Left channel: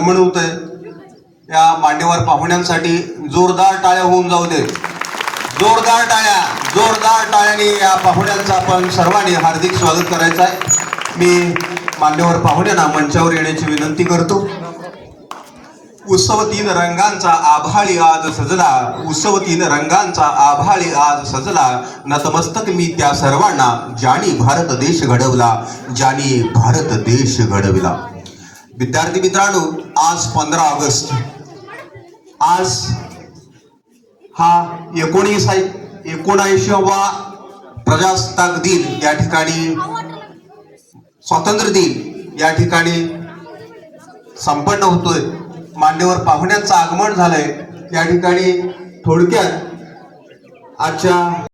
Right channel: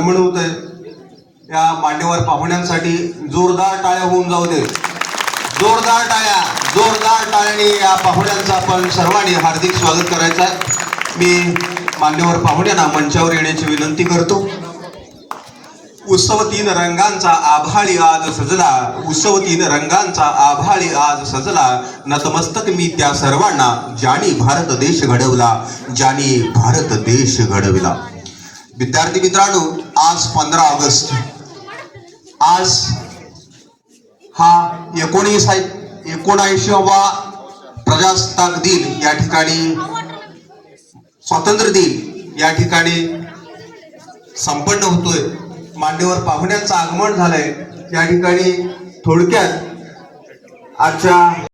आगमन होतंय। या मान्यवर पाहुण्यांसाठी जोरदार टाळ्या होऊन जाऊ दे। जोरदार टाळ्याने या पाहुण्यांचं आपण सर्वांनी हार्दिक स्वागत करायचं आहे। मी मान्यवर पाहुण्यांना मंचावर येण्याची विनंती करतो। उत्सव तीन रंगांचा आभाळी आज सजला, उत्सव तीन रंगांचा आभाळी आज सजला, नतमस्तक मी त्या सर्वांना ज्यांनी भारत देश घडवला, ज्यांनी भारत देश घडविला। विद्यार्थी मित्रांनो, आज 15 ऑगस्ट, आज हा 79वा प्रजासत्ताक दिन या ठिकाणी, स्वातंत्र्य दिन या ठिकाणी संपन्न होतोय। मान्यवर पाहुण्यांचं आगमन झालंय या ठिकाणी। थोडक्यात आजच्या